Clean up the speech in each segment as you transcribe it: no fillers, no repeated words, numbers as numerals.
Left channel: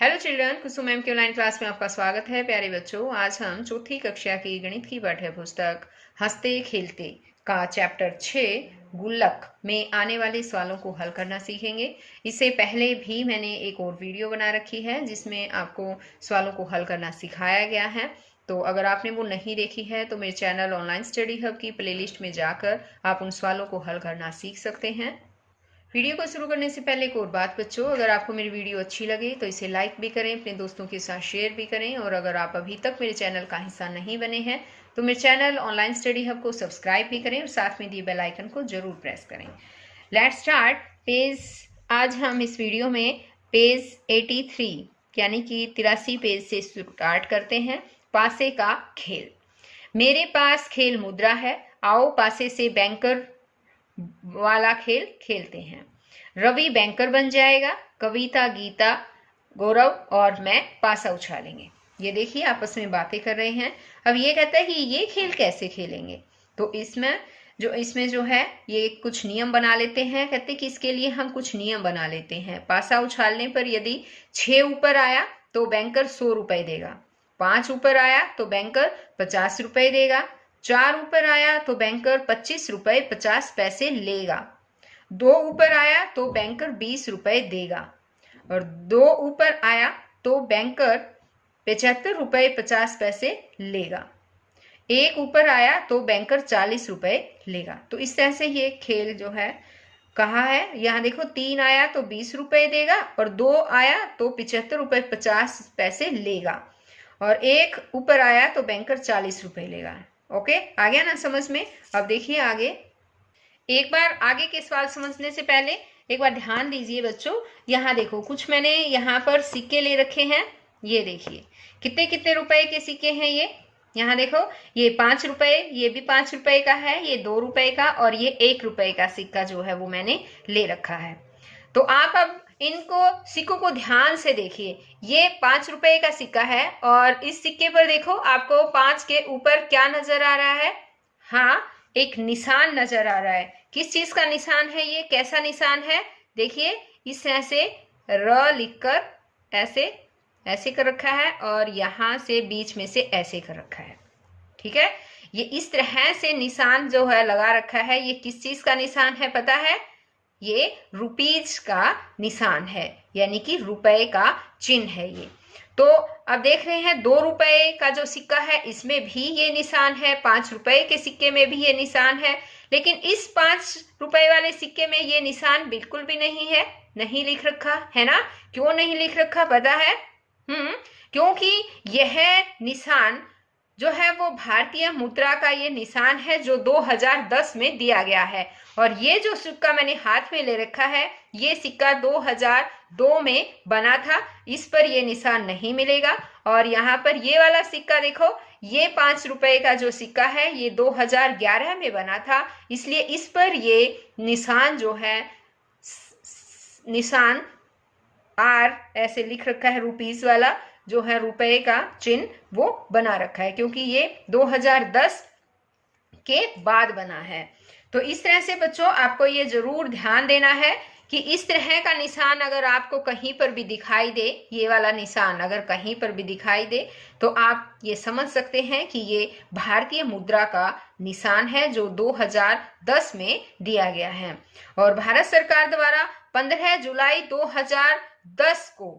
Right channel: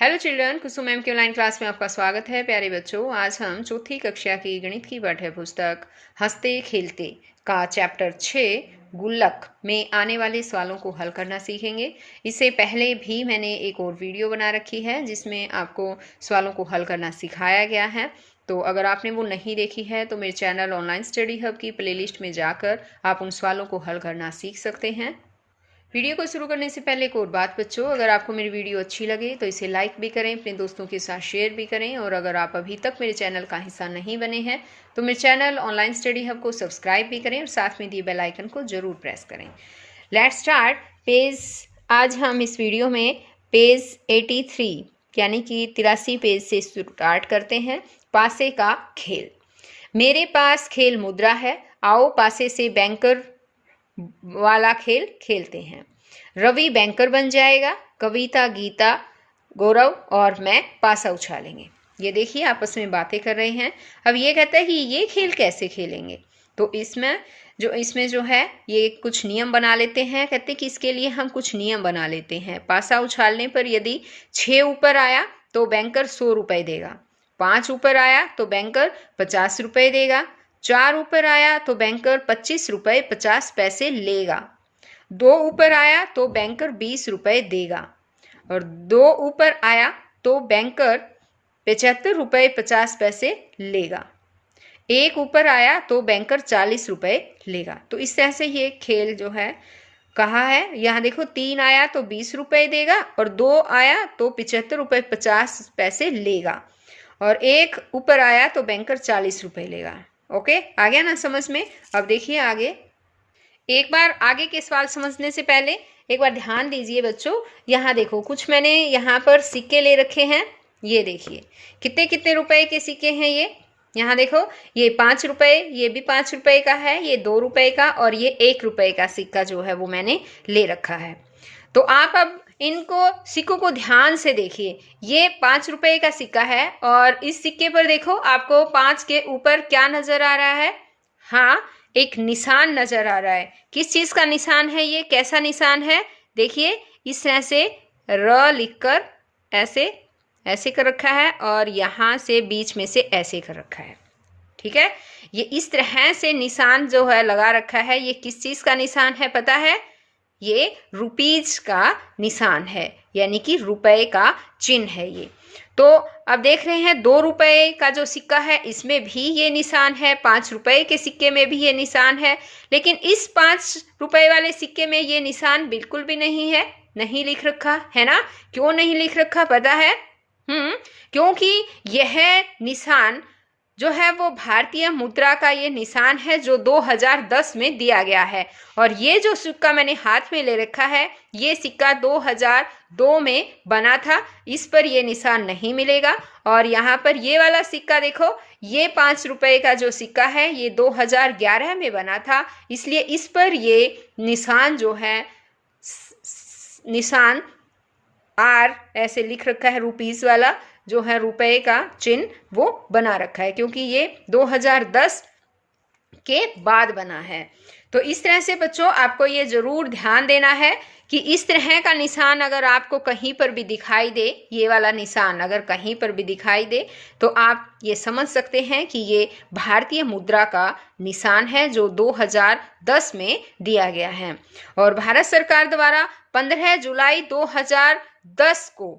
Hello children, कुसुम ma'am की online class में आपका स्वागत है। प्यारे बच्चों, आज हम चौथी कक्षा की गणित की पाठ्य पुस्तक हंसते खेलते का चैप्टर 6 गुल्लक में आने वाले सवालों को हल करना सीखेंगे। इससे पहले भी मैंने एक और वीडियो बना रखी है जिसमें आपको सवालों को हल करना सिखाया गया है। तो अगर आपने वो नहीं देखी है तो मेरे चैनल ऑनलाइन स्टडी हब की प्लेलिस्ट में जाकर आप उन सवालों को हल करना सीख सकते हैं। वीडियो को शुरू करने से पहले एक और बात बच्चों, अगर आपको मेरी वीडियो अच्छी लगे तो इसे लाइक भी करें, अपने दोस्तों के साथ शेयर भी करें, और अगर आप अभी तक मेरे चैनल का हिस्सा नहीं बने हैं तो मेरे चैनल ऑनलाइन स्टडी हब को सब्सक्राइब भी करें और साथ में दिए बेल आइकन को जरूर प्रेस करें। Let's start page. आज हम इस वीडियो में पेज 83 यानी कि 83 पेज से स्टार्ट करते हैं। पासे का खेल। मेरे पास खेल मुद्रा है, आओ पासे से बैंकर वाला खेल खेलते हैं। रवि बैंकर बन जाएगा, कविता, गीता, गौरव और मैं पासा उछालेंगे। ये देखिए आपस में बातें कर रहे हैं। अब ये कहता है कि ये खेल कैसे खेलेंगे, तो इसमें जो है ये कुछ नियम बना लेते हैं। कहते हैं कि इसके लिए हम कुछ नियम बना लेते हैं। पासा उछालने पर यदि 6 ऊपर आया तो बैंकर 100 रुपए देगा, 5 ऊपर आया तो बैंकर 50 रुपए देगा, 4 ऊपर आया तो बैंकर 25 रुपए 50 पैसे लेगा, 2 ऊपर आया तो बैंकर 20 रुपए देगा, और 2 ऊपर आया तो बैंकर 75 रुपए 50 पैसे लेगा, 1 ऊपर आया तो बैंकर 40 रुपए लेगा। तो इस तरह से ये खेल जो है कहा है। यहाँ देखो 3 आया तो 20 रुपए देगा, और 2 आया तो 75 रुपए 50 पैसे लेगा, और 1 ऊपर आया तो बैंकर 40 रुपए लेगा। ओके, आ गया ना समझ में। अब देखिए आगे। एक बार आगे के सवाल समझने से पहले एक बार ध्यान दीजिए बच्चों। यहाँ देखो कुछ मैंने यहाँ पर सिक्के ले रखे हैं। ये देखिए कितने कितने रुपए के सिक्के हैं ये। यहाँ देखो ये 5 रुपए, ये भी 5 रुपए का है, ये 2 रुपए का, और ये 1 रुपए का सिक्का जो है वो मैंने ले रखा है। तो आप अब इनको सिक्कों को ध्यान से देखिए। ये 5 रुपए का सिक्का है, और इस सिक्के पर देखो आपको 5 के ऊपर क्या नजर आ रहा है। हाँ, एक निशान नजर आ रहा है। किस चीज का निशान है ये, कैसा निशान है? देखिए इस तरह से र लिखकर ऐसे ऐसे कर रखा है, और यहां से बीच में से ऐसे कर रखा है। ठीक है, ये इस तरह से निशान जो है लगा रखा है। ये किस चीज का निशान है पता है? ये रुपीज का निशान है, यानी कि रुपए का चिन्ह है ये। तो अब देख रहे हैं 2 रुपए का जो सिक्का है इसमें भी ये निशान है, 5 रुपए के सिक्के में भी ये निशान है, लेकिन इस 5 रुपए वाले सिक्के में ये निशान बिल्कुल भी नहीं है, नहीं लिख रखा है ना। क्यों नहीं लिख रखा पता है? क्योंकि यह निशान जो है वो भारतीय मुद्रा का ये निशान है जो 2010 में दिया गया है, और ये जो सिक्का मैंने हाथ में ले रखा है ये सिक्का 2002 में बना था, इस पर ये निशान नहीं मिलेगा। और यहाँ पर ये वाला सिक्का देखो, ये 5 रुपए का जो सिक्का है ये 2011 में बना था, इसलिए इस पर ये निशान जो है निशान आर ऐसे लिख रखा है, रुपीस वाला जो है रुपए का चिन्ह वो बना रखा है, क्योंकि ये 2010 के बाद बना है। तो इस तरह से बच्चों आपको ये जरूर ध्यान देना है कि इस तरह का निशान अगर आपको कहीं पर भी दिखाई दे, ये वाला निशान अगर कहीं पर भी दिखाई दे तो आप ये समझ सकते हैं कि ये भारतीय मुद्रा का निशान है जो 2010 में दिया गया है। और भारत सरकार द्वारा 15 जुलाई 2010 को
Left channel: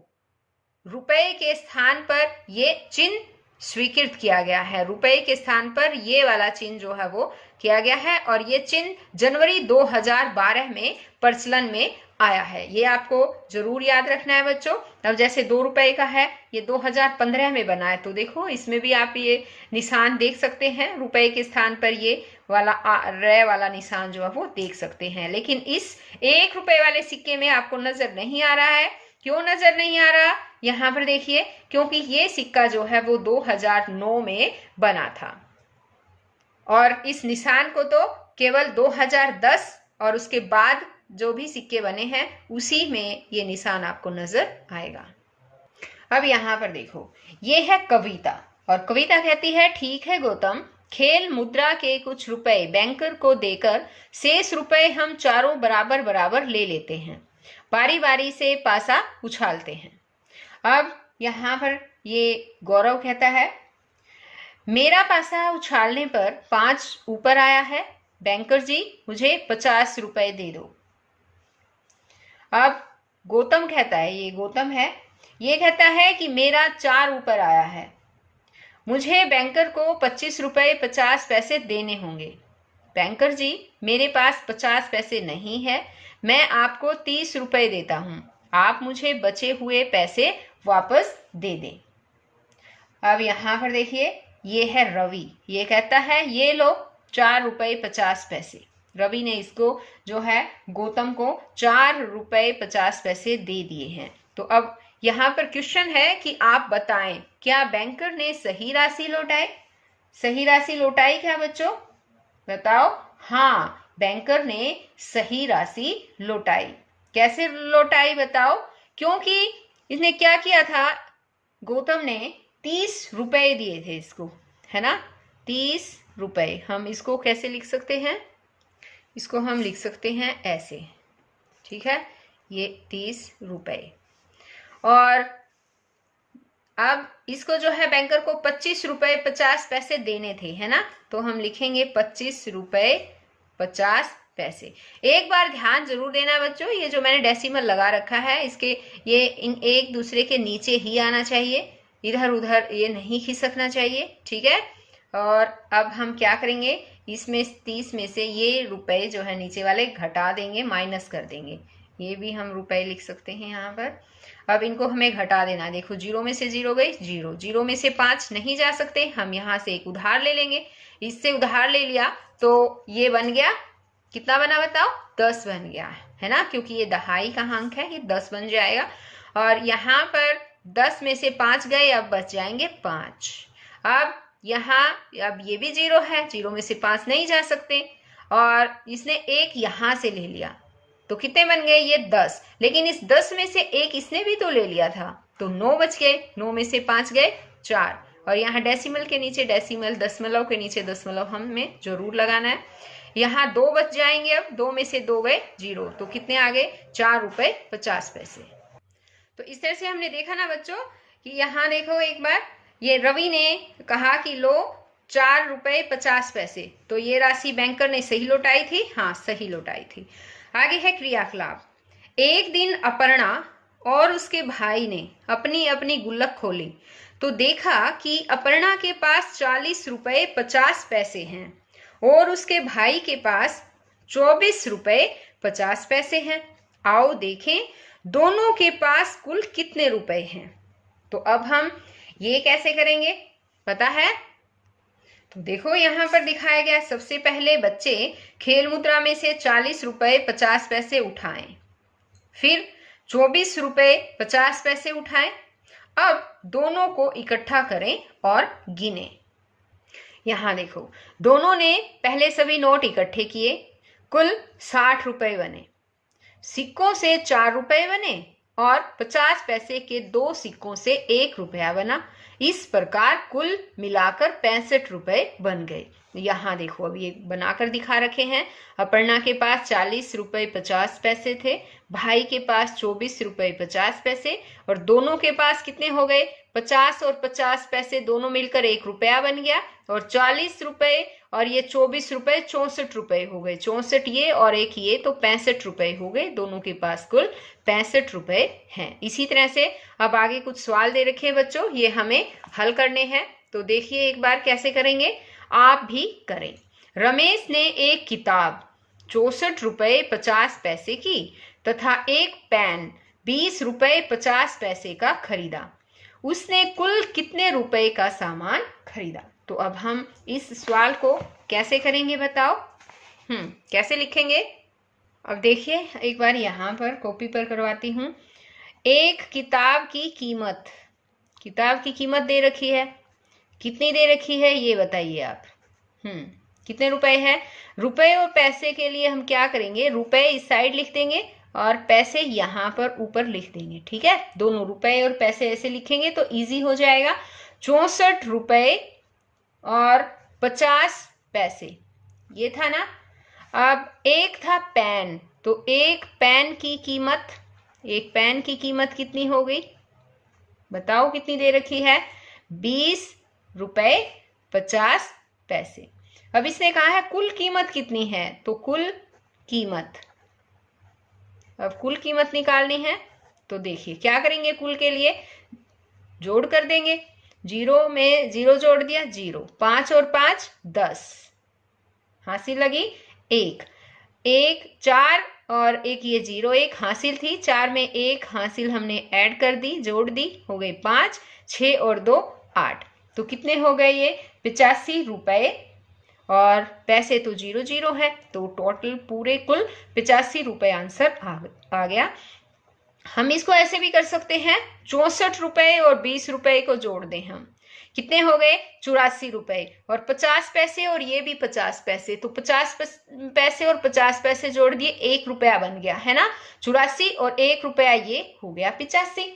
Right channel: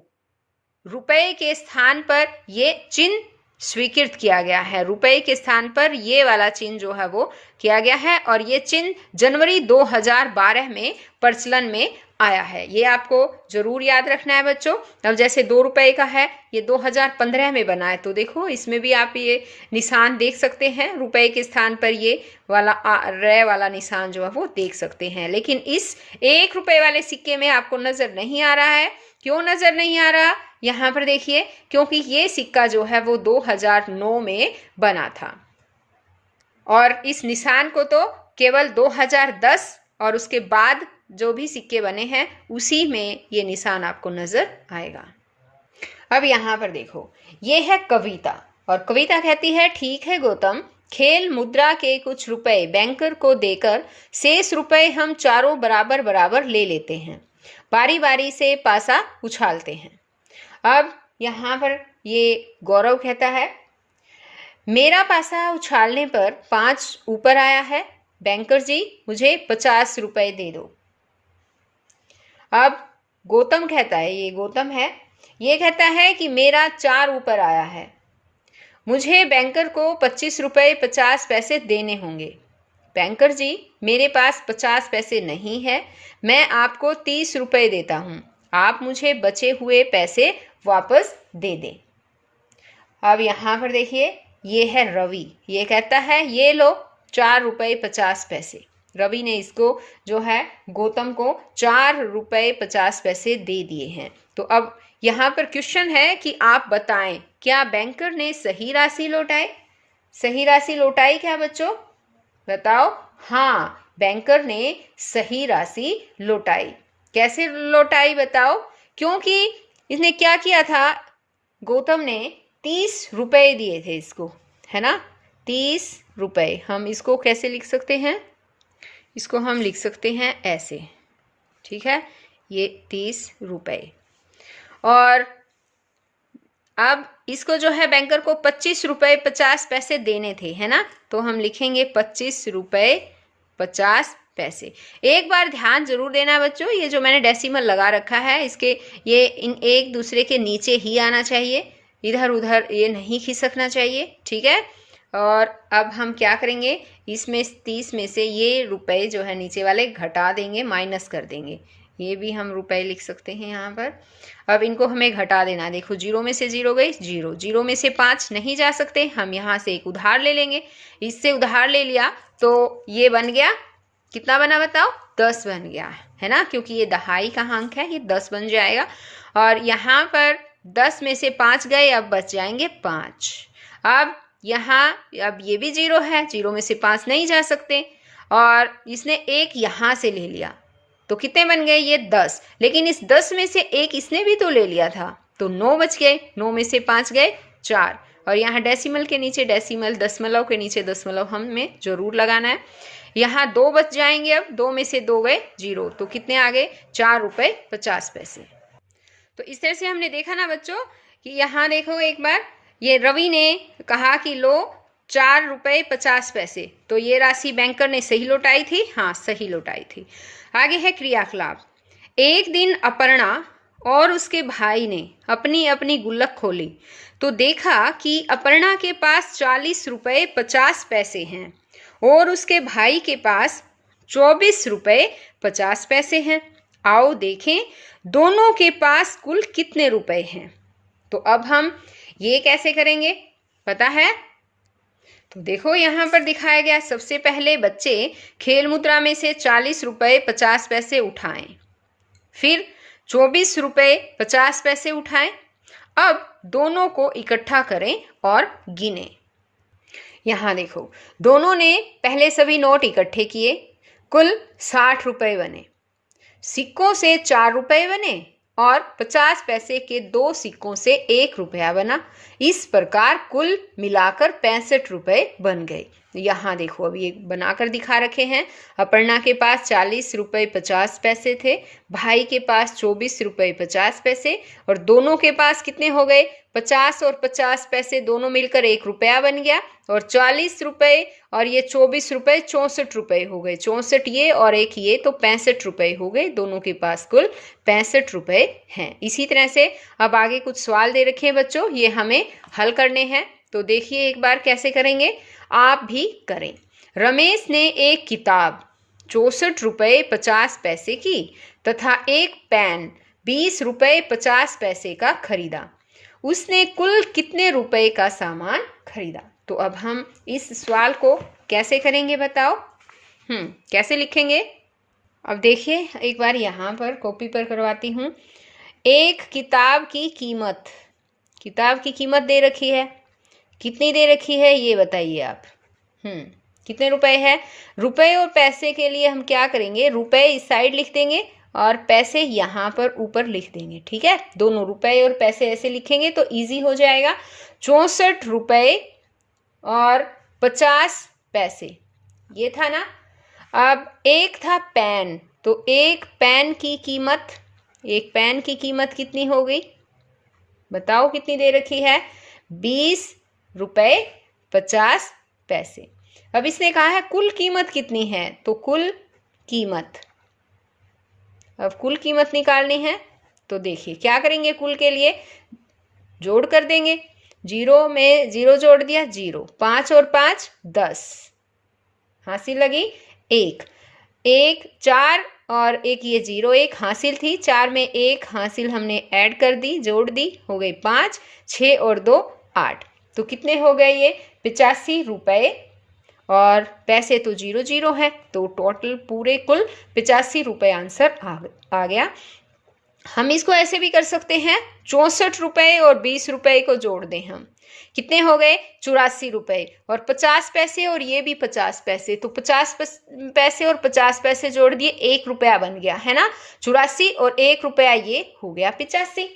रुपए के स्थान पर ये चिन्ह स्वीकृत किया गया है। रुपए के स्थान पर ये वाला चिन्ह जो है वो किया गया है, और ये चिन्ह जनवरी 2012 में प्रचलन में आया है। ये आपको जरूर याद रखना है बच्चों। अब जैसे 2 रुपए का है, ये 2015 में बना है, तो देखो इसमें भी आप ये निशान देख सकते हैं। रुपए के स्थान पर ये वाला रे वाला निशान जो है वो देख सकते हैं, लेकिन इस 1 रुपए वाले सिक्के में आपको नजर नहीं आ रहा है। क्यों नजर नहीं आ रहा? यहाँ पर देखिए, क्योंकि ये सिक्का जो है वो 2009 में बना था, और इस निशान को तो केवल 2010 और उसके बाद जो भी सिक्के बने हैं उसी में ये निशान आपको नजर आएगा। अब यहाँ पर देखो, ये है कविता, और कविता कहती है, ठीक है गौतम, खेल मुद्रा के कुछ रुपए बैंकर को देकर शेष रुपए हम चारों बराबर बराबर ले लेते हैं, बारी बारी से पासा उछालते हैं। अब यहाँ पर ये गौरव कहता है, मेरा पासा उछालने पर 5 ऊपर आया है, बैंकर जी मुझे 50 रुपए दे दो। अब गौतम कहता है, ये गौतम है, ये कहता है कि मेरा 4 ऊपर आया है, मुझे बैंकर को 25 रुपए 50 पैसे देने होंगे। बैंकर जी मेरे पास 50 पैसे नहीं है, मैं आपको 30 रुपए देता हूँ, आप मुझे बचे हुए पैसे वापस दे दें। अब यहाँ पर देखिए, ये है रवि, ये कहता है ये लो 4 रुपए 50 पैसे। रवि ने इसको जो है गौतम को 4 रुपए 50 पैसे दे दिए हैं। तो अब यहाँ पर क्वेश्चन है कि आप बताएं, क्या बैंकर ने सही राशि लौटाई? सही राशि लौटाई क्या बच्चों? बताओ। हाँ, बैंकर ने सही राशि लौटाई। कैसे लौटाई बताओ? क्योंकि इसने क्या किया था, गौतम ने 30 रुपए दिए थे इसको, है ना, 30 रुपए। हम इसको कैसे लिख सकते हैं? इसको हम लिख सकते हैं ऐसे, ठीक है, ये 30 रुपए। और अब इसको जो है बैंकर को 25 रुपए 50 पैसे देने थे, है ना, तो हम लिखेंगे 25 रुपए 50 पैसे। एक बार ध्यान जरूर देना बच्चों, ये जो मैंने डेसिमल लगा रखा है, इसके ये इन एक दूसरे के नीचे ही आना चाहिए, इधर उधर ये नहीं खिसकना चाहिए, ठीक है। और अब हम क्या करेंगे, इसमें 30 में से ये रुपए जो है नीचे वाले घटा देंगे, माइनस कर देंगे, ये भी हम रुपए लिख सकते हैं यहाँ पर। अब इनको हमें घटा देना, देखो 0 में से 0 गई, 0, 0 में से 5 नहीं जा सकते, हम यहाँ से एक उधार ले लेंगे, इससे उधार ले लिया तो ये बन गया, कितना बना बताओ? 10 बन गया, है ना, क्योंकि ये दहाई का अंक है, ये 10 बन जाएगा। और यहाँ पर 10 में से 5 गए, अब बच जाएंगे 5। अब यहाँ अब ये भी 0 है, 0 में से 5 नहीं जा सकते, और इसने एक यहाँ से ले लिया, तो कितने बन गए? ये 10। लेकिन इस 10 में से एक इसने भी तो ले लिया था, तो 9 बच गए, 9 में से 5 गए 4। और यहाँ डेसिमल के नीचे डेसिमल, दशमलव के नीचे दशमलव हमें जरूर लगाना है। यहाँ 2 बच जाएंगे, अब 2 में से 2 गए 0, तो कितने आ गए? 4 रुपए 50 पैसे। तो इस तरह से हमने देखा ना बच्चों कि यहाँ देखो एक बार, ये रवि ने कहा कि लो 4 रुपए 50 पैसे, तो ये राशि बैंकर ने सही लौटाई थी, हाँ सही लौटाई थी। आगे है क्रियाकलाप। एक दिन अपर्णा और उसके भाई ने अपनी अपनी गुल्लक खोली तो देखा कि अपर्णा के पास 40 रुपए 50 पैसे हैं और उसके भाई के पास 24 रुपए 50 पैसे हैं। आओ देखें दोनों के पास कुल कितने रुपए हैं। तो अब हम ये कैसे करेंगे पता है? तो देखो यहाँ पर दिखाया गया, सबसे पहले बच्चे खेल मुद्रा में से 40 रुपए 50 पैसे उठाएं, फिर 24 रुपए 50 पैसे उठाएं। अब दोनों को इकट्ठा करें और गिने। यहाँ देखो दोनों ने पहले सभी नोट इकट्ठे किए, कुल 60 रुपए बने। सिक्कों से 4 रुपए बने और 50 पैसे के 2 सिक्कों से 1 रुपया बना। इस प्रकार कुल मिलाकर 65 रुपए बन गए। यहाँ देखो अभी एक बनाकर दिखा रखे हैं। अपर्णा के पास 40 रुपए 50 पैसे थे, भाई के पास 24 रुपए 50 पैसे और दोनों के पास कितने हो गए? 50 और 50 पैसे दोनों मिलकर 1 रुपया बन गया और 40 रुपए और ये 24 रुपए 64 रुपए हो गए। 64 ये और एक ये तो 65 रुपए हो गए। दोनों के पास कुल 65 रुपए हैं। इसी तरह से अब आगे कुछ सवाल दे रखे हैं बच्चों, ये हमें हल करने हैं। तो देखिए एक बार कैसे करेंगे, आप भी करें। रमेश ने एक किताब 64 रुपए 50 पैसे की तथा एक पेन 20 रुपए 50 पैसे का खरीदा। उसने कुल कितने रुपए का सामान खरीदा? तो अब हम इस सवाल को कैसे करेंगे बताओ? कैसे लिखेंगे? अब देखिए एक बार यहाँ पर कॉपी पर करवाती हूँ। एक किताब की कीमत दे रखी है, कितनी दे रखी है ये बताइए आप। कितने रुपए है? रुपए और पैसे के लिए हम क्या करेंगे, रुपए इस साइड लिख देंगे और पैसे यहाँ पर ऊपर लिख देंगे, ठीक है। दोनों रुपए और पैसे ऐसे लिखेंगे तो इजी हो जाएगा। 64 रुपए और 50 पैसे ये था ना। अब एक था पेन, तो एक पेन की कीमत कितनी हो गई? बताओ कितनी दे रखी है? 20 रुपये 50 पैसे। अब इसने कहा है कुल कीमत कितनी है, तो कुल कीमत, अब कुल कीमत निकालनी है तो देखिए क्या करेंगे, कुल के लिए जोड़ कर देंगे। 0 में 0 जोड़ दिया 0, 5 और 5 10, हासिल लगी 1, 1 4 और एक ये 0 1 हासिल थी, 4 में 1 हासिल हमने ऐड कर दी, जोड़ दी, हो गई 5, 6 और 2 8। तो कितने हो गए ये? 85 रुपये, और पैसे तो 0 0 है, तो टोटल पूरे कुल 85 रुपये आंसर आ गया। हम इसको ऐसे भी कर सकते हैं, 64 रुपये और 20 रुपये को जोड़ दें हम, कितने हो गए? 84 रुपये, और 50 पैसे और ये भी 50 पैसे, तो 50 पैसे और 50 पैसे जोड़ दिए, 1 रुपया बन गया है ना। 84 और 1 रुपया, ये हो गया 85।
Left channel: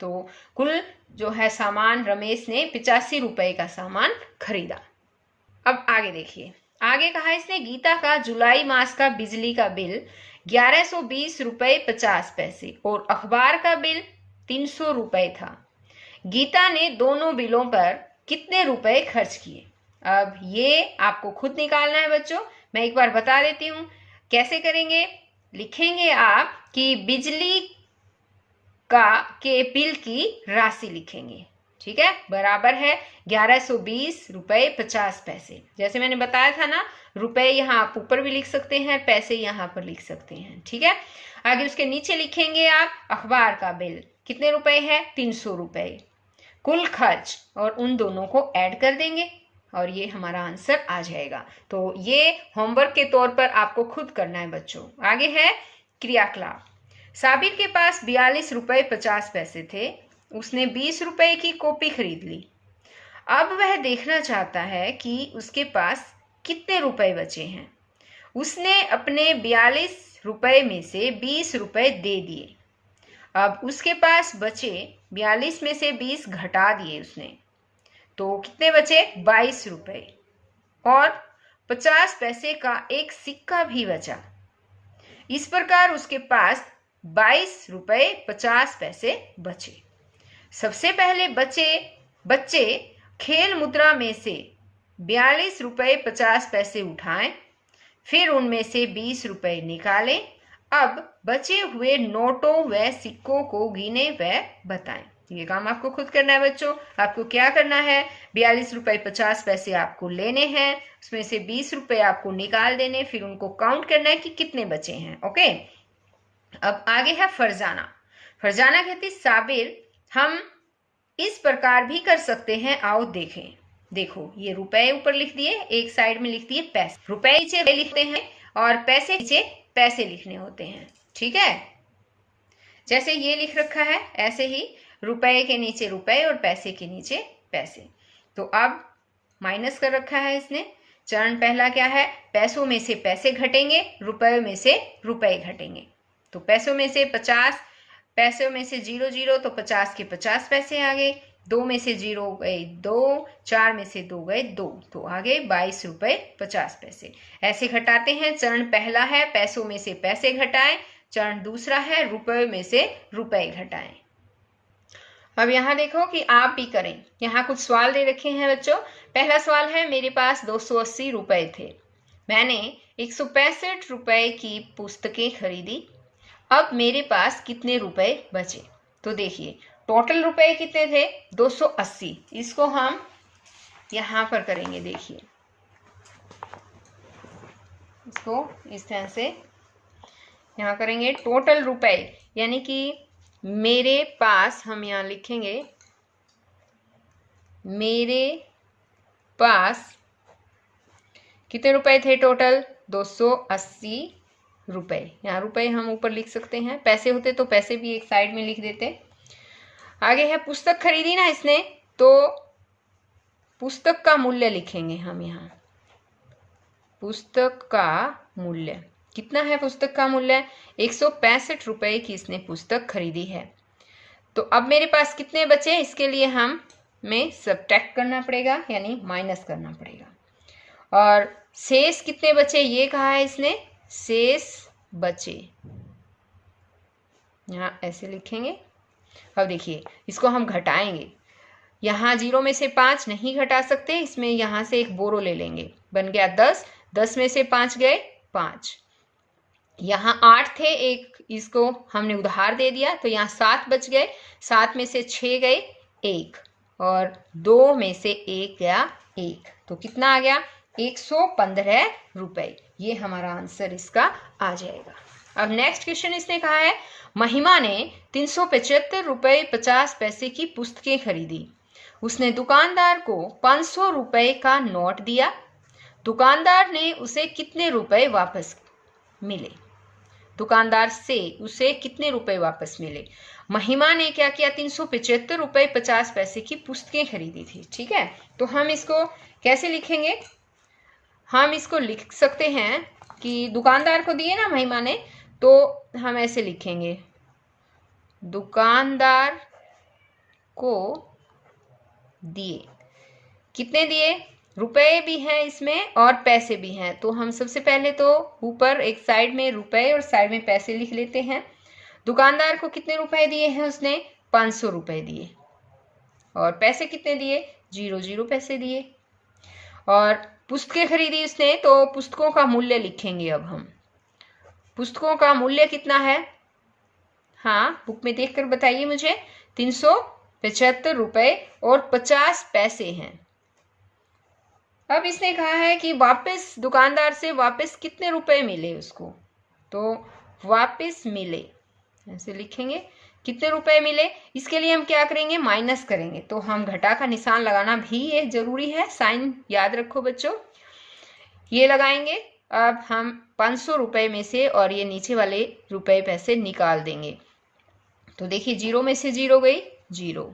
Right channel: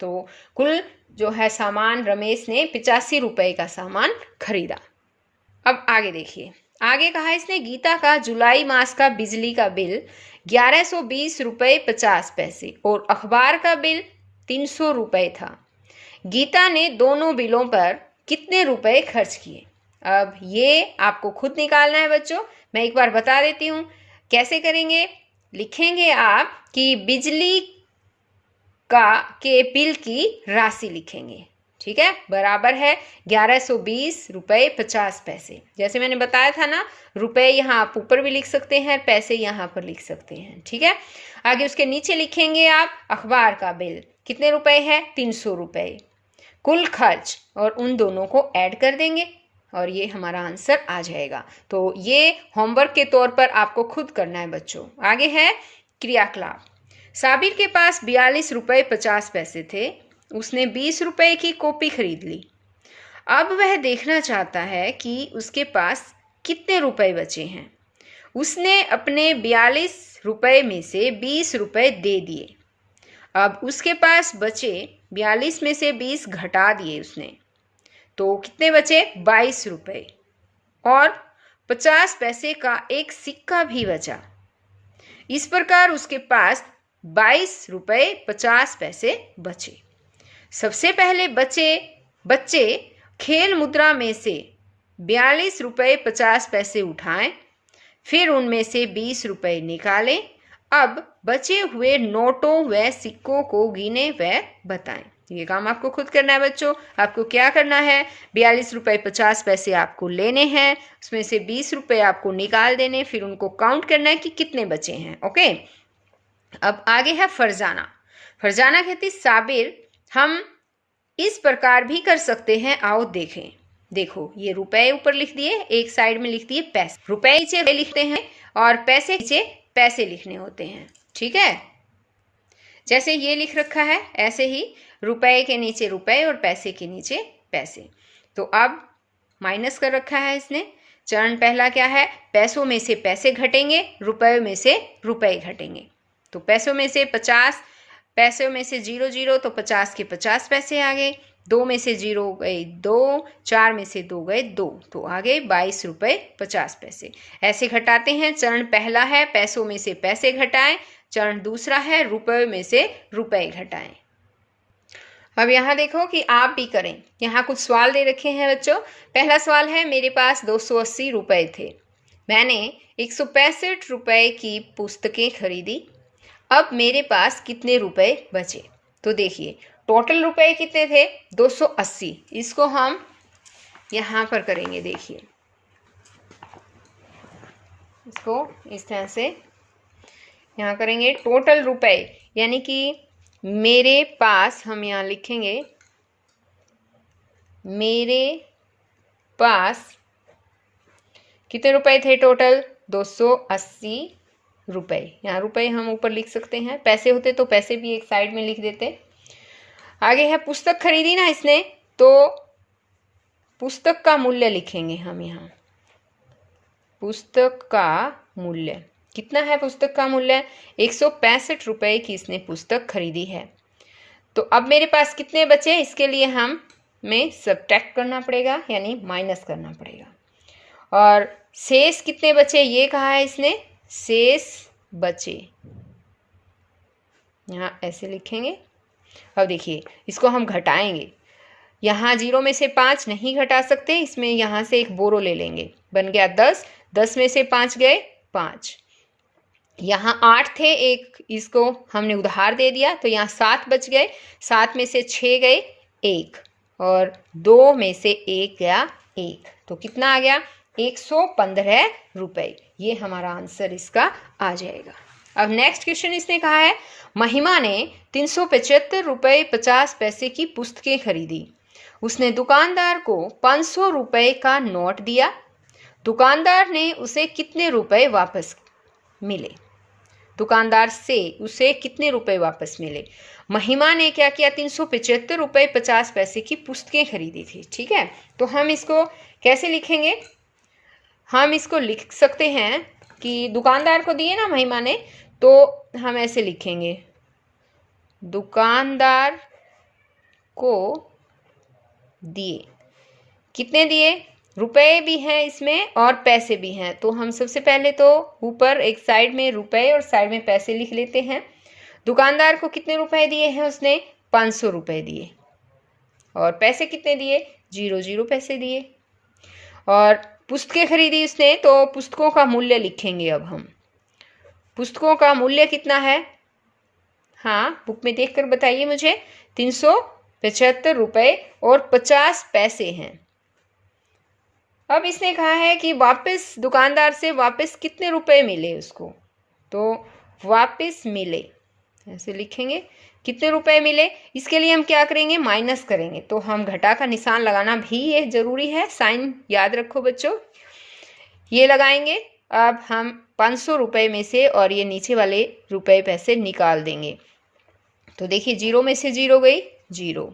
तो कुल जो है सामान रमेश ने 85 रुपये का सामान खरीदा। अब आगे देखिए, आगे कहा इसने गीता का जुलाई मास का बिजली का बिल 1120 रुपये 50 पैसे और अखबार का बिल 300 रुपये था। गीता ने दोनों बिलों पर कितने रुपए खर्च किए? अब ये आपको खुद निकालना है बच्चों, मैं एक बार बता देती हूँ कैसे करेंगे। लिखेंगे आप कि बिजली के बिल की राशि लिखेंगे, ठीक है, बराबर है 1120 रुपये 50 पैसे। जैसे मैंने बताया था ना, रुपए यहाँ आप ऊपर भी लिख सकते हैं, पैसे यहाँ पर लिख सकते हैं, ठीक है। आगे उसके नीचे लिखेंगे आप अखबार का बिल कितने रुपए है? 300 रुपये, कुल खर्च, और उन दोनों को ऐड कर देंगे और ये हमारा आंसर आ जाएगा। तो ये होमवर्क के तौर पर आपको खुद करना है बच्चों। आगे है क्रियाकलाप। साबिर के पास 42 रुपये 50 पैसे थे, उसने 20 रुपये की कॉपी खरीद ली। अब वह देखना चाहता है कि उसके पास कितने रुपए बचे हैं। उसने अपने 42 रुपये में से 20 रुपये दे दिए। अब उसके पास बचे 42 में से 20 घटा दिए उसने, तो कितने बचे? 22 रुपये, और 50 पैसे का एक सिक्का भी बचा। इस प्रकार उसके पास 22 रुपये 50 पैसे बचे। सबसे पहले बच्चे खेल मुद्रा में से 42 रुपये 50 पैसे उठाएं, फिर उनमें से 20 रुपये निकालें। अब बचे हुए नोटों व सिक्कों को गिने व बताएं। ये काम आपको खुद करना है बच्चों। आपको क्या करना है? 42 रुपये 50 पैसे आपको लेने हैं, उसमें से 20 रुपये आपको निकाल देने, फिर उनको काउंट करना है कि कितने बचे हैं। ओके, अब आगे है फरजाना। फरजाना कहती साबिर हम इस प्रकार भी कर सकते हैं, आओ देखें। देखो ये रुपए ऊपर लिख दिए, एक साइड में लिख दिए पैसे, रुपए नीचे लिखते हैं और पैसे नीचे पैसे लिखने होते हैं, ठीक है। जैसे ये लिख रखा है ऐसे ही रुपए के नीचे रुपए और पैसे के नीचे पैसे। तो अब माइनस कर रखा है इसने। चरण पहला क्या है? पैसों में से पैसे घटेंगे, रुपए में से रुपए घटेंगे। तो पैसों में से 50, पैसों में से 0 0, तो 50 के 50 पैसे आ गए। 2 में से 0 गए 2, 4 में से 2 गए 2, तो आ गए 22 रुपये 50 पैसे। ऐसे घटाते हैं। चरण पहला है पैसों में से पैसे घटाएं, चरण दूसरा है रुपए में से रुपए घटाएं। अब यहाँ देखो कि आप भी करें। यहाँ कुछ सवाल दे रखे हैं बच्चों। पहला सवाल है मेरे पास 280 रुपये थे, मैंने 165 रुपये की पुस्तकें खरीदी, अब मेरे पास कितने रुपए बचे? तो देखिए टोटल रुपए कितने थे? 280। इसको हम यहाँ पर करेंगे, देखिए इसको इस तरह से यहाँ करेंगे। टोटल रुपए यानी कि मेरे पास, हम यहाँ लिखेंगे मेरे पास कितने रुपए थे टोटल? 280 रुपए। यहाँ रुपए हम ऊपर लिख सकते हैं, पैसे होते तो पैसे भी एक साइड में लिख देते। आगे है पुस्तक खरीदी ना इसने, तो पुस्तक का मूल्य लिखेंगे हम यहाँ। पुस्तक का मूल्य कितना है? पुस्तक का मूल्य 165 रुपये की इसने पुस्तक खरीदी है। तो अब मेरे पास कितने बचे? इसके लिए हमें सब्ट्रैक्ट करना पड़ेगा, यानी माइनस करना पड़ेगा। और शेष कितने बचे ये कहा है इसने, शेष बचे यहाँ ऐसे लिखेंगे। अब देखिए इसको हम घटाएंगे, यहाँ 0 में से 5 नहीं घटा सकते, इसमें यहाँ से एक बोरो ले लेंगे, बन गया 10, 10 में से 5 गए 5, यहाँ 8 थे, एक इसको हमने उधार दे दिया तो यहाँ 7 बच गए, 7 में से 6 गए 1, और 2 में से 1 गया 1, तो कितना आ गया 115 रुपए। ये हमारा आंसर इसका आ जाएगा। अब नेक्स्ट क्वेश्चन इसने कहा है, महिमा ने 375 रुपए 50 पैसे की पुस्तकें खरीदी। उसने दुकानदार को 500 रुपए का नोट दिया। दुकानदार ने उसे कितने रुपए वापस मिले? दुकानदार से उसे कितने रुपए वापस मिले? महिमा ने क्या किया, 375 रुपए 50 पैसे की पुस्तकें खरीदी थी। ठीक है, तो हम इसको कैसे लिखेंगे? हम इसको लिख सकते हैं कि दुकानदार को दिए ना महिमा ने, तो हम ऐसे लिखेंगे, दुकानदार को दिए। कितने दिए? रुपए भी हैं इसमें और पैसे भी हैं, तो हम सबसे पहले तो ऊपर एक साइड में रुपए और साइड में पैसे लिख लेते हैं। दुकानदार को कितने रुपए दिए हैं उसने? 500 रुपए दिए। और पैसे कितने दिए? 0 पैसे दिए। और पुस्तकें खरीदी उसने, तो पुस्तकों का मूल्य लिखेंगे। अब हम पुस्तकों का मूल्य कितना है? हाँ, बुक में देखकर बताइए मुझे। 375 रुपए और 50 पैसे हैं। अब इसने कहा है कि वापस दुकानदार से वापस कितने रुपए मिले उसको, तो वापस मिले ऐसे लिखेंगे, कितने रुपए मिले। इसके लिए हम क्या करेंगे? माइनस करेंगे, तो हम घटा का निशान लगाना भी ये जरूरी है, साइन याद रखो बच्चों, ये लगाएंगे। अब हम 500 रुपए में से और ये नीचे वाले रुपए पैसे निकाल देंगे, तो देखिए 0 में से 0 गई 0,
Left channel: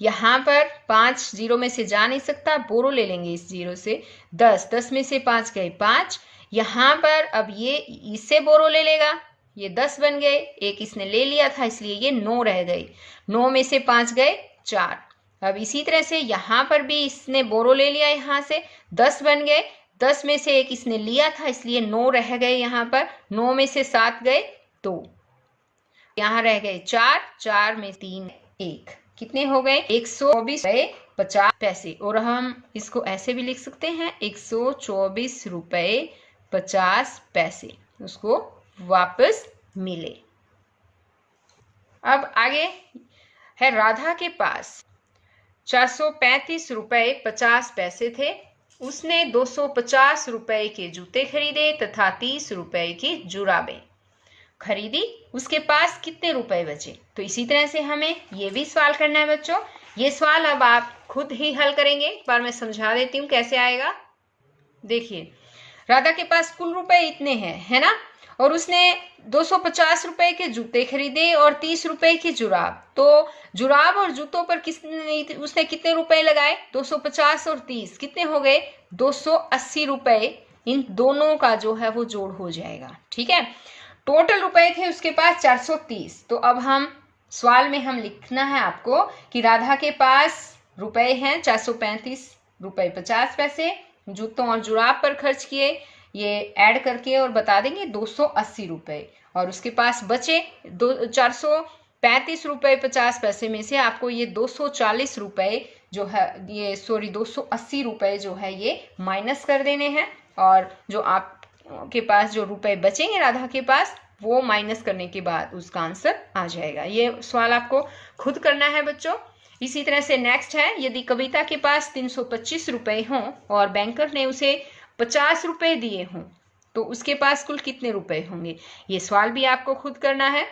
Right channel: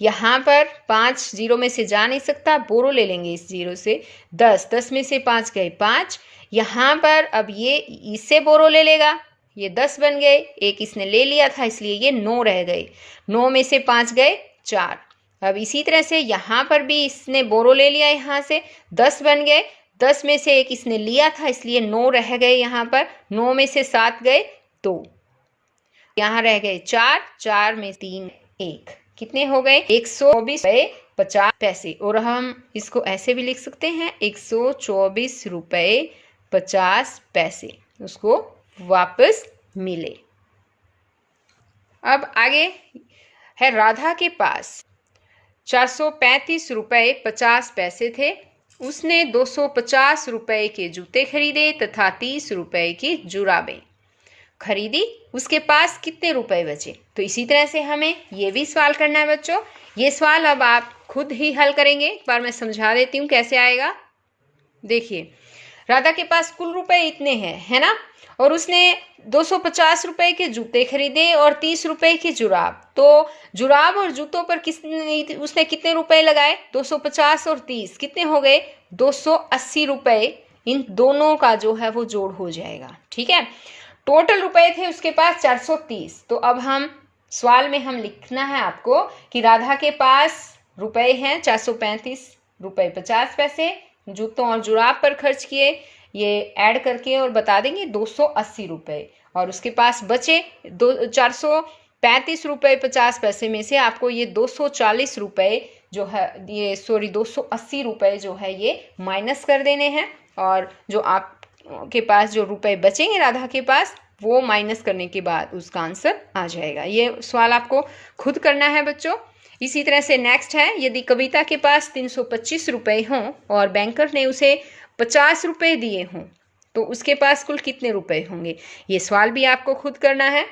यहाँ पर 5 0 में से जा नहीं सकता, बोरो ले लेंगे इस 0 से, 10 10 में से 5 गए 5, यहाँ पर अब ये इससे बोरो ले लेगा, ये 10 बन गए, एक इसने ले लिया था इसलिए ये 9 रह गए, 9 में से 5 गए 4। अब इसी तरह से यहाँ पर भी इसने बोरो ले लिया, यहाँ से 10 बन गए, 10 में से एक इसने लिया था इसलिए 9 रह गए, यहाँ पर 9 में से 7 गए 2, यहाँ रह गए 4, 4 में 3 1, कितने हो गए? 124 रुपए 50 पैसे। और हम इसको ऐसे भी लिख सकते हैं, 124 रुपए 50 पैसे उसको वापस मिले। अब आगे है, राधा के पास 435 रुपए 50 पैसे थे। उसने 250 रुपए के जूते खरीदे तथा 30 रुपए की जुराबें खरीदी। उसके पास कितने रुपए बचे? तो इसी तरह से हमें ये भी सवाल करना है बच्चों। ये सवाल अब आप खुद ही हल करेंगे, एक बार मैं समझा देती हूँ कैसे आएगा। देखिए, राधा के पास कुल रुपए इतने हैं, है ना, और उसने 250 रुपए के जूते खरीदे और 30 रुपए की जुराब। तो जुराब और जूतों पर उसने कितने रुपए लगाए? 250 और 30 कितने हो गए? 280 रुपए। इन दोनों का जो है वो जोड़ हो जाएगा। ठीक है, टोटल रुपए थे उसके पास 430। तो अब हम सवाल में हम लिखना है आपको कि राधा के पास रुपए हैं 435 रुपए 50 पैसे, जूतों और जुराब पर खर्च किए, ये ऐड करके और बता देंगे 280 रुपए, और उसके पास बचे 435 रुपए 50 पैसे में से आपको ये 240 रुपए जो है, ये 280 रुपए जो है ये माइनस कर देने हैं, और जो आप के पास जो रुपए बचेंगे राधा के पास, वो माइनस करने के बाद उसका आंसर आ जाएगा। ये सवाल आपको खुद करना है बच्चों। इसी तरह से नेक्स्ट है, यदि कविता के पास 325 रुपए हों और बैंकर ने उसे 50 रुपए दिए हों तो उसके पास कुल कितने रुपए होंगे? ये सवाल भी आपको खुद करना है।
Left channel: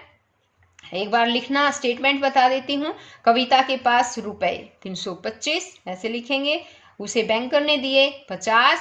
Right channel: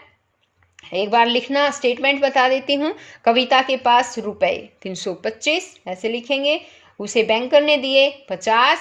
एक बार लिखना, स्टेटमेंट बता देती हूँ। कविता के पास रुपए 325 ऐसे लिखेंगे, उसे बैंकर ने दिए 50,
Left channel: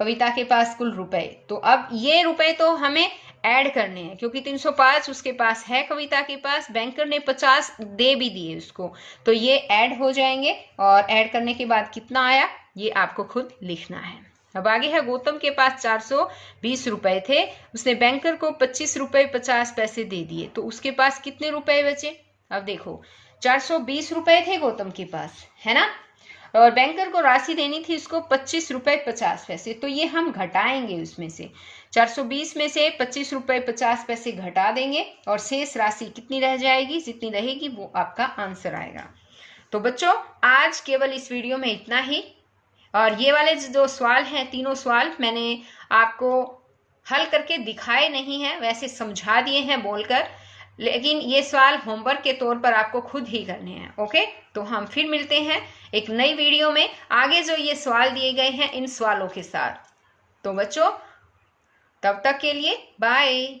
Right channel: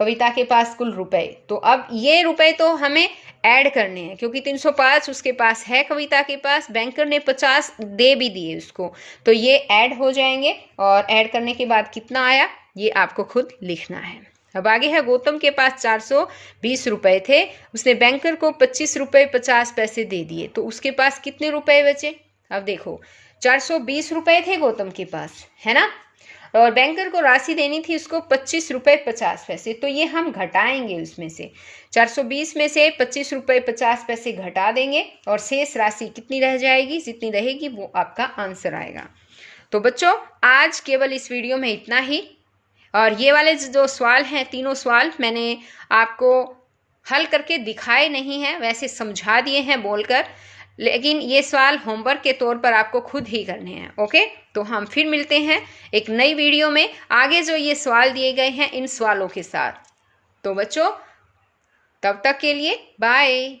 कविता के पास कुल रुपए। तो अब ये रुपए तो हमें ऐड करने हैं, क्योंकि 305 उसके पास है कविता के पास, बैंकर ने 50 दे भी दिए उसको, तो ये ऐड हो जाएंगे, और ऐड करने के बाद कितना आया ये आपको खुद लिखना है। अब आगे है, गौतम के पास 420 रुपए थे, उसने बैंकर को 25 रुपए 50 पैसे दे दिए, तो उसके पास कितने रुपए बचे? अब देखो 420 रुपए थे गौतम के पास, है ना, और बैंकर को राशि देनी थी उसको 25 रुपये 50 पैसे, तो ये हम घटाएंगे उसमें से 420 में से 25 रुपये 50 पैसे घटा देंगे और शेष राशि कितनी रह जाएगी, जितनी रहेगी वो आपका आंसर आएगा। तो बच्चों आज केवल इस वीडियो में इतना ही, और ये वाले जो सवाल हैं, तीनों सवाल मैंने आपको हल करके दिखाए नहीं हैं, वैसे समझा दिए हैं बोलकर, लेकिन ये सवाल होमवर्क के तौर पर आपको खुद ही करने हैं। ओके, तो हम फिर मिलते हैं एक नई वीडियो में आगे जो ये सवाल दिए गए हैं इन सवालों के साथ। तो बच्चों तब तक के लिए बाय।